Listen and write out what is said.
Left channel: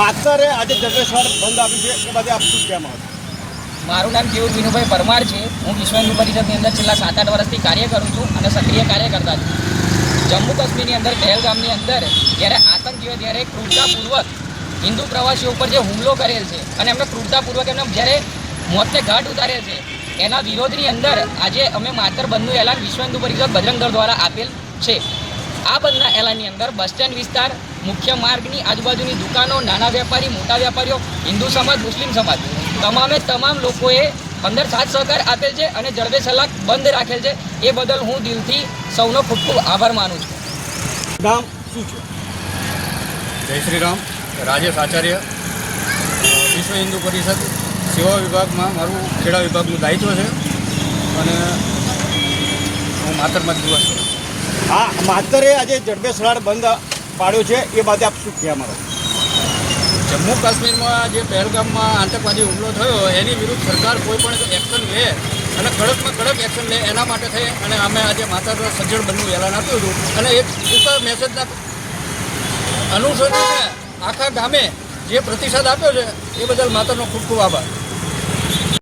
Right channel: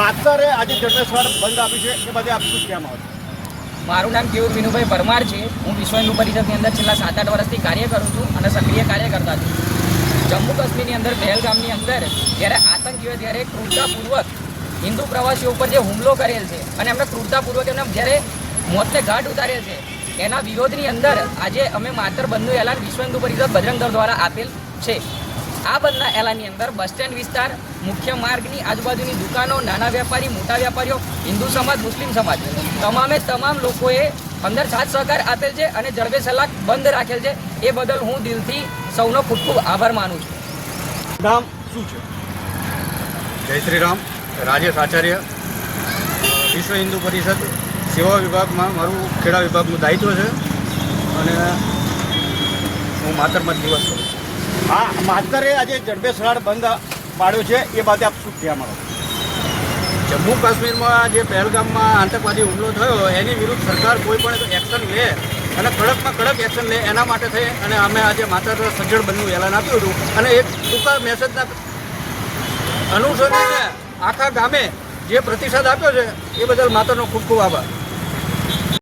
આચારે આજે જડબેશ્વર બંધ આપી છે એ બાદ આપ શું કહેવામાં આવશે? મારું નામ કેવું વિનુભાઈ પરમાર છે. હું વિશ્વ હિન્દુ પરિષદની અંદર છેલ્લા 7-8 વર્ષથી કાર્ય કરું છું અને સક્રિય કાર્ય કરતા છું. જમ્મુ કાશ્મીરની અંદર પહેલગામની અંદર જ્યારે આતંકીઓએ જ્યારે ક્રૂરતાપૂર્વક હિન્દુ પ્રવાસીઓ ઉપર જે હુમલો કરેલ છે અને એમને ક્રૂરતાપૂર્વક એમને જ્યારે મોતને ઘાટ ઉતારેલ છે, એના વિરોધની અંદર આજે અમે માતર બંધનું એલાન વિશ્વ હિન્દુ પરિષદ બજરંગ દળ દ્વારા આપેલ છે. આ બંધના એલાનની અંદર બસ સ્ટેન્ડ વિસ્તાર, મુખ્ય માર્ગની આજુબાજુની દુકાનો, નાના વેપારી, મોટા વેપારીઓ, હિન્દુ સમાજ, મુસ્લિમ સમાજ, તમામ લોકોએ અંદર સાથ સહકાર આપેલ છે અને જડબેસલાક બંધ રાખેલ છે. એ બદલ હું દિલથી સૌનો ખૂબ ખૂબ આભાર માનું છું. ગામ શું છે? જય શ્રી રામ. રાજેશ આચાર્ય, વિશ્વ હિન્દુ પરિષદ સેવા વિભાગમાં મારું ખેડા વિભાગનું દાયિત્વ છે અને હું માતરબાદ દિવસ છું. હા, માતરે આજે જડબેશ્વર બંધ પાડ્યો છે એ બાદ આપ શું કહેવામાં આવશે? જમ્મુ કાશ્મીરમાં જે પહેલગામમાં આતંકવાદી હુમલો થયો એની વિરુદ્ધ સરકાર કોઈ પણ એક્શન લે અને કડકમાં કડક એક્શન લે એના માટે થઈ અને અમે આજે માતર સજ્જડ બંધનું એલાન આપ્યું હતું અને એક ટૂંકા મેસેજના અનુસંધાને આખા ગામે જે પ્રતિસાદ આપ્યો છે એ બદલ માતરનો ખૂબ ખૂબ આભાર.